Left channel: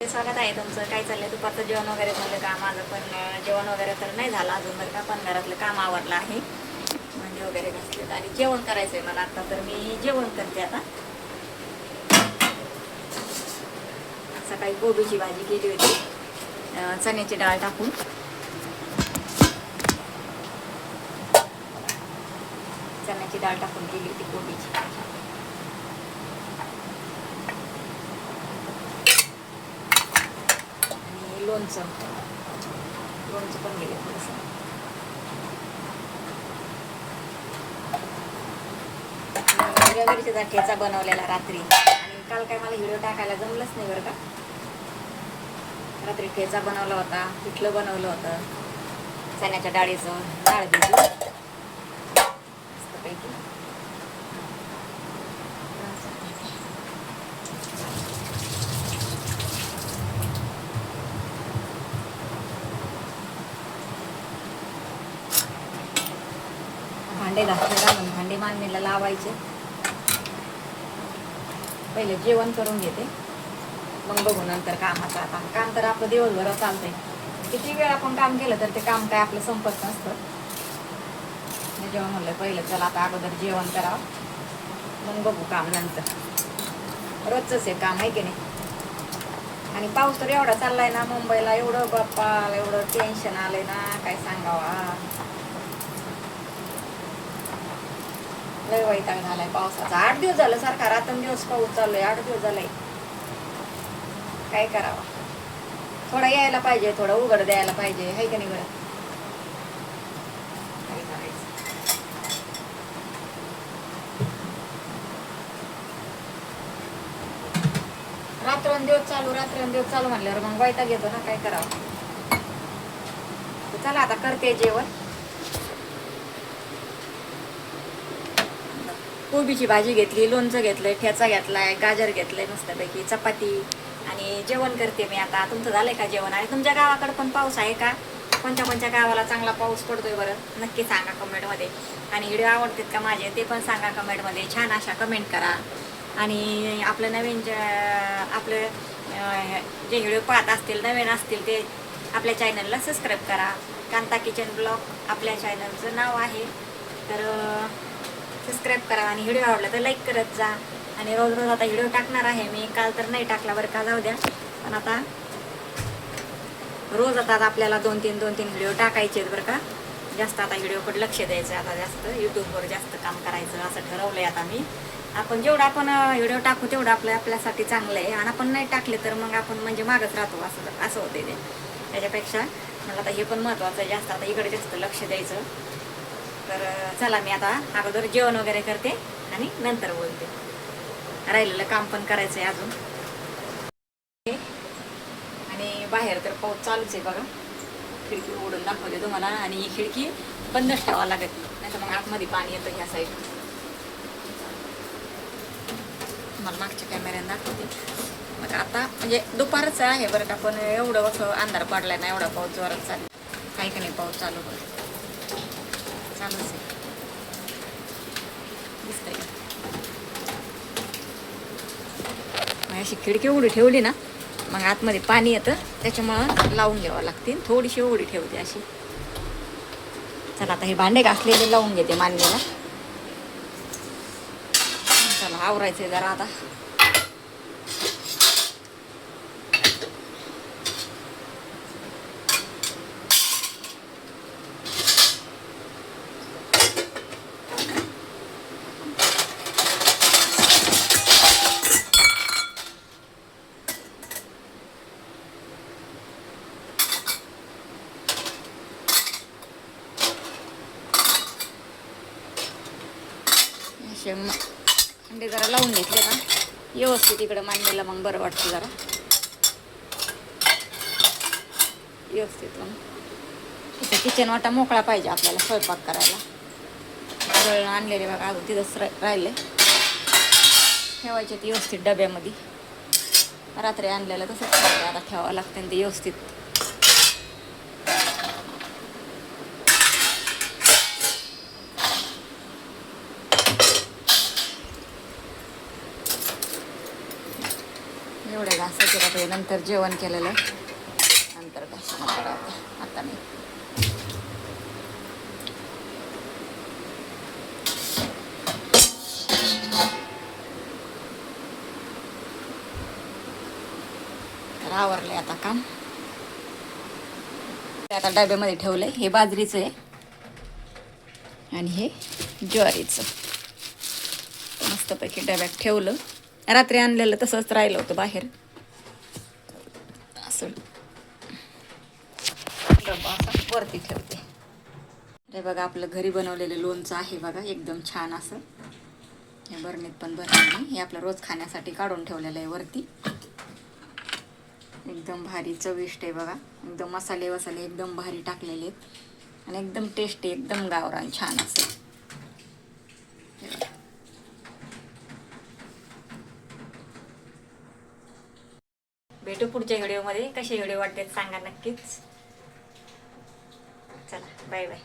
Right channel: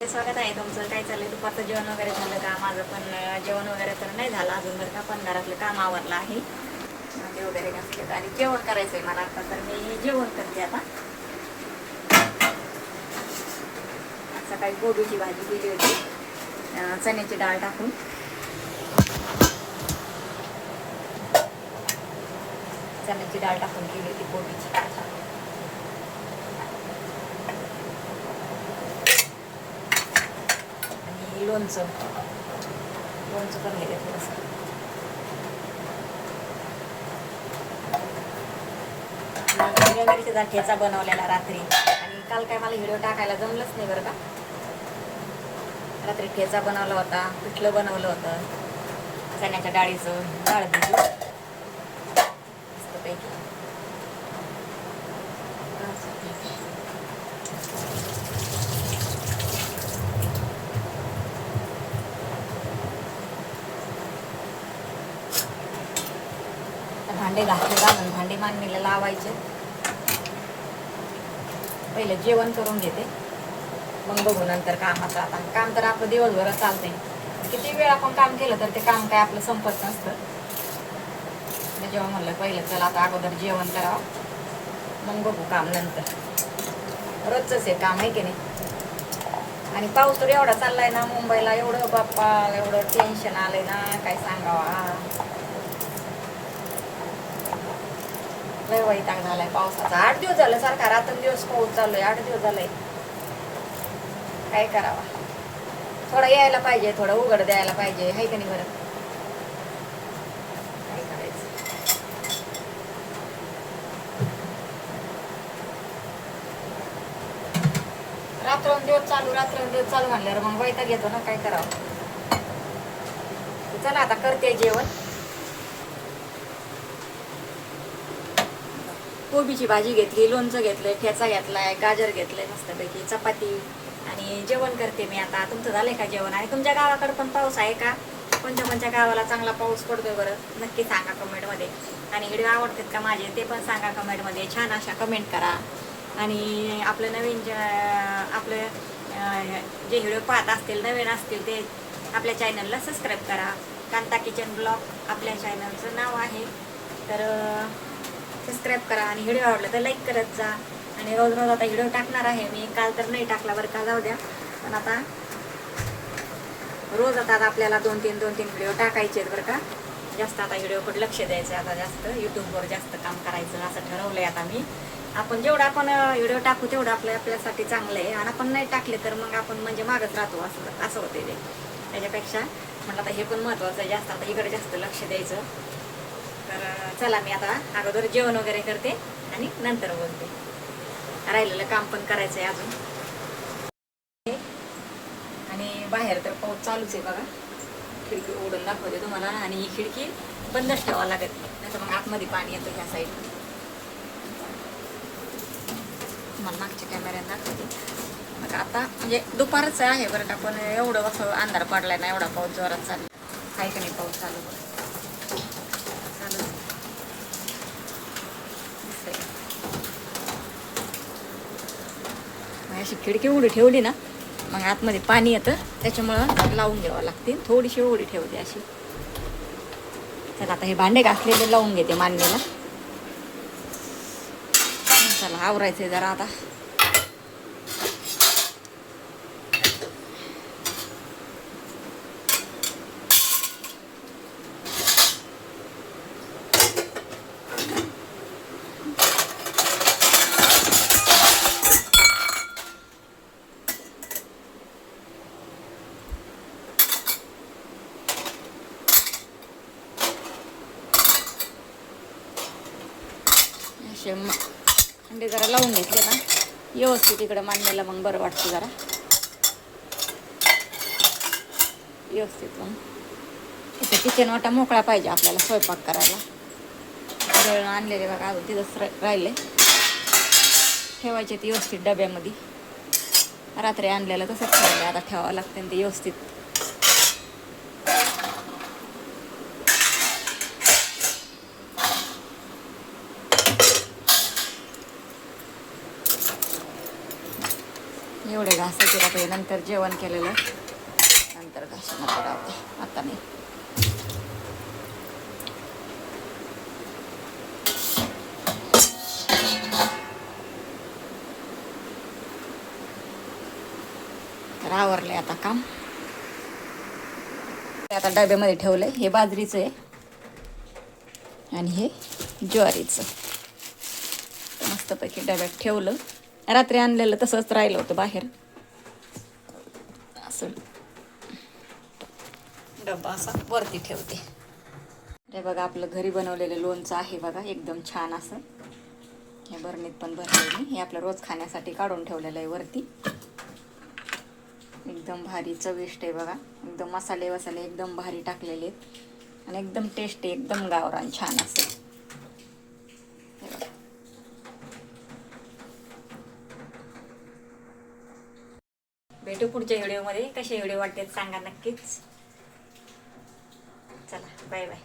स्वागत आहे तुमचं. काय चाललंय? दुपारचं जेवण वगैरे झालं का? माझं पण जेवण वगैरे तर नाही झालं अजून, बरं का. पण घरातलं काम आवरलं आहे, भांडे वगैरे घासलेत आणि जेवण करायचंय मला आता. तर मी जेवण करते आता. सकाळी कोबीची भाजी केली होती, चण्याची डाळ टाकून. चण्याची डाळ टाकून केली होती कोबीची भाजी. आणि लोणचं पण गेलं थोडंसं. हिरव्या मिरचीचा ठेचा बनवलेला रात्री, आणि काल काय मला व्हिडिओ टाकायला जमलंच नाही, बरं का. रात्री ठेचा बनवला होता, पिठलं बनवलं होतं चण्याच्या डाळीचं, डाळ दिली मस्तपैकी. भांडे घासले घालून भांडे मांडणीला लावायचे. पहिले जेवण करून घेते, मग बघू नंतर कामाचं. आता काम तर आपलं दिवसभर चालतंय, किती वेळ आपण काम केलं तर ते काम काय आपलं संपत नसतं. जेवण म्हणलं पहिलं चला आता अगोदर जेवण करावं, मग बघू काम नंतर. रोजच आहे काम, आहे की नाही. आणि पाऊस तर एवढा चाललाय ना मुंबईला, एवढं बाप्पा एवढं टेन्शन आलंय ना, काय सांगावा. लय वैताग झालाय पावसाचा. 8 दिवस झालं सारखा रात्रंदिवस पाऊस चालू आहे. 8 दिवस झालंय. काय करावा, थोडा यायला पाहिजे, थोडं उघड द्यायला पाहिजे, आहे का नाही. बरं काय करायचं. रात्रंदिवस चालू म्हणल्यावर मग वैताग येतो ना, काय करावं. चला आता करते जेवण. कोबीची भाजी घेतली, लोणचं घेतलंय, ठेचा घेतलाय, गाजर घेतलंय मस्तपैकी, चपाती, आणि जेवण करते मी आता. तुमचं झालंय का जेवण? आणि तुमच्या गावाकडे पण पाऊस आहे का? कोणत्या गावाला चांगला पाऊस पडतोय बरं, नक्की सांगा कमेंटमध्ये. आणि व्हिडिओ आवडतात का माझे ते पण सांगा कमेंटमध्ये. छान अशा कमेंट करा. आणि आपलं नवीन आपलं जे व्हिडिओ पाहत असतील, नवीन असतील, ते आपल्या चॅनलला सबस्क्राईब करा. कांता किचन ब्लॉग आपल्या चॅनलचं नाव आहे, तर सबस्क्राईब करा. आणि व्हिडिओ आवडला तर लाईक करत जा. आणि रोज आता व्हिडिओ टाकणार आहे मी. काल तर नाही टाकला, बरं का, जाऊ द्या. पण आता रोज आता आपल्याला 2-3 व्हिडिओ टाकायचे आहेत, बरं का. जास्त आता व्हिडिओकडे लक्ष द्यायचं, आता जास्त यूट्यूबवर जास्त काम करायचं असं ठरवलंय आता मी. आपण जेवढं आपण व्हिडिओ टाकू तेवढं आपल्यासाठी चांगलं आहे. आणि आपण नाही टाकले तर मग आपण म्हणजे मागच राहतो, असं होते ते. त्याच्यापेक्षा म्हणलं आता हे पण महत्त्वाचं आहे, जास्त आता इकडे जास्त लक्ष द्यायचं. तर चला मी आता अगोदर जेवण वगैरे करते आणि नंतर बोलते. राहिलेलं काम पण करायचं आहे अजून. आणि बाहेर तर पाऊस चालूच आहे बघा. खिडकी उघडून दाखवते तुम्हाला. आणि ही खिडकी बंदच ठेवावं लागत, नाही तर मग आतमध्ये पाणी येतं ह्या साईड. तुम्हाला मागच्या कॅमेऱ्याने दाखवते. मग आता म्हणजे दुपारच आहे बरं का, पण एवढं असं अंधार पडलाय ना, एवढा पाऊस जोरात चालू आहे का नाही. पाऊस चालूच दिसतंय. अशी खिडकी उघडी ठेवली ना, मग आतमध्ये पाणी येतं, त्याच्यामुळं लावून घ्यावं लागते. थोडीशी उघडी ठेवते अशी. चला आता हे भांडे घासलेले लावून घेते मांडणीला. चला आवरायचंय जरा आता. अंडे जरा लावून घेतले ना व्यवस्थित इकडं मांडणीला, मग बरं वाटतं जरा व्यवस्थित. मग इथे किचन वाटा मोकळा पाहिजे आपल्याला स्वयंपाक करायला. दळण आणलेले बघा अजून तिथंच राहिले, ठेवायचे ते व्यवस्थित डब्यामध्ये. रात्री आणलेलं तसंच ठेवलं, आता ठेवावं लागतं ते व्यवस्थित. एवढे घासाचे उशिरा ते नंतर जेवण केलेलं नंतर घासून आता नाही. तर आवरले आता काम. आता डब्यामध्ये ठेवलंय. हे बाजरीचं आहे आणि हे ज्वारीचं. मस्तपैकी डब्यात ठेवलं. रात्री आणलेलं तसंच राहिलं होतं बाहेर. असं डब्बा असा वरती ठेवते. हे बघा आपलं घरी बनवलेलं लोणचं आहे बघा, एकदम छान असं. हे बरणीत पण भरलेलं. हे आपलं रोज खाण्यासाठी काढून ठेवलेलं आहे वरती. एकदम भारी चविष्ट आहे बघा. एकदम मसाले वसाले एकदम भारी टाकलेले आहेत आणि एकदम टेस्टी, एकदम गावरान छान असं. हे बघा. भेटू पुढच्या व्हिडिओमध्ये. कसे व्हिडिओ वाटतात सांगा नक्कीच. चला बाय बाय.